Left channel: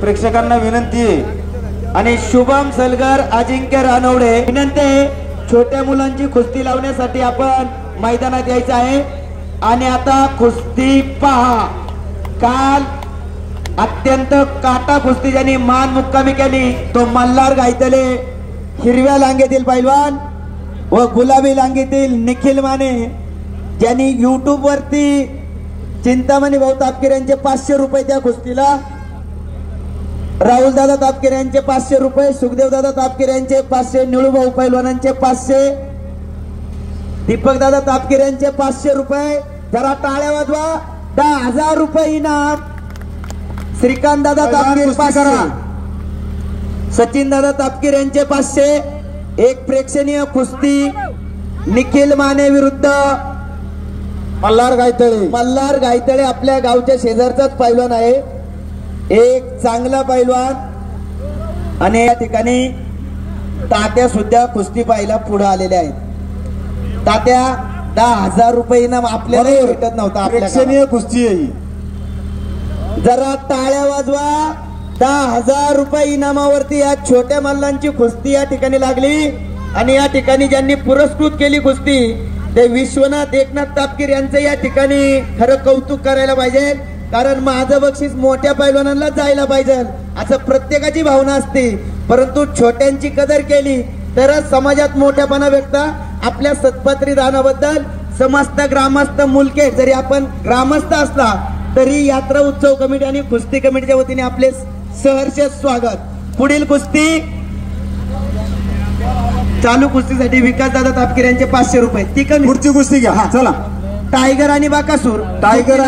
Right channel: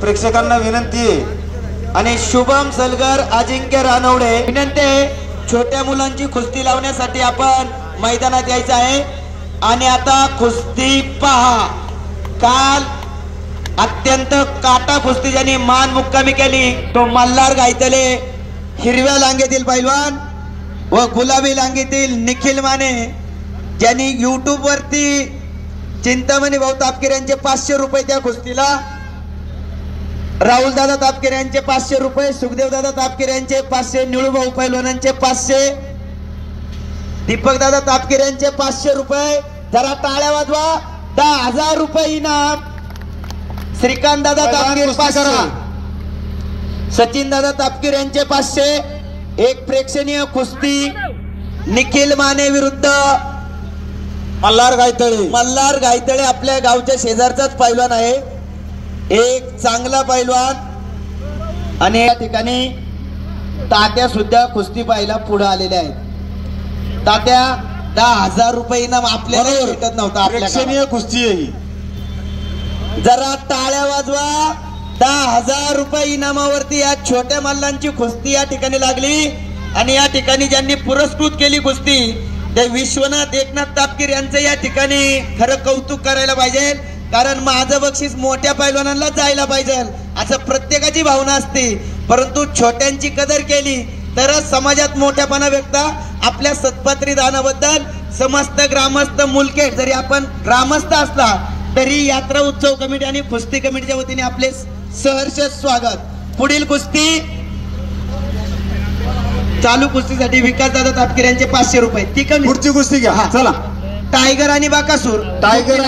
प्रेक्षकांना विनंती आहे आणि शुभम सलगर अजिंक्य रानवडे विनंती आहे, छोट्या मुलांची कुस्ती लावण्यासाठी आपण मैदानात यायचं आहे। आणि आता कुस्ती पहा, काल अत्यंत काटा कुस्ती ज्यांनी मान मुक्कामी केली तो मल्हार गायतले हिरव्या लांगेतील पैलवान व गुलाबी लांगेतील निखिल माने, ज्यांनी YouTube वरती चिंतामणी भाऊ तापकीर यांचे 500 रुपये त्या कुस्तीला, राहुल दादा तापकीर यांचे 500 रुपये, सुखदेव दादा तापकीर यांचे 500, निळू भाऊ पैलवानांचे 500, दीपक दादा तापकीर यांचे 500 रुपये। जरा टाळ्या वाजवा। 10,000 रुपये इनाम श्रीकांत दादा तापकीर 500, सचिन दादा तापकीर यांचे 500। एक प्रेक्षणीय कुस्ती निखिल माने विरुद्ध मल्हार गायतळे आपल्या गावच्या शेजारचाच पैलवान आहे, एक चांगला पैलवान। आणि या ठिकाणी तात्या सुद्धा कुस्ती पाहायला पुढे आलेले आहेत। तात्या 10,000 रुपये इनाम आपल्याला भेटत नव्हता, प्रेक्षणीय कुस्ती आहे। जरा टाळ्या वाजवा। 10,000 रुपये इनामावरती या छोट्या मल्लांची कुस्ती या ठिकाणी लागली। आणि या ठिकाणी ज्यांनी पुरस्कृत केली कुस्ती ते विश्वनाथ एकनाथ तापकीर यांचं या ठिकाणी खरं कौतुक करायला पाहिजे, कारण माझं बक्षीस मोठ्या पैलवानांना जायला पाहिजे असं प्रत्येकाची भावना असते। परंतु छोट्यांची कदर केली तरच समाजात मोठेपणा व्यक्त। आपल्या सत्पात्री दानाबद्दल समस्त ग्रामस्थ मुलकेट जरी आपण ग्रामस्थ असला तरी यात्रा उत्सव कमिटी आणि कुस्ती कमिटीच्या वतीने आपले सहर्ष स्वागत। पुढील कुस्ती चालू कुस्तीसाठी विकास दादा तापकीर यांचे 500 रुपये। ती पुढची कुस्ती घ्या, चला। टायगर आणि बाकासूर, टायगर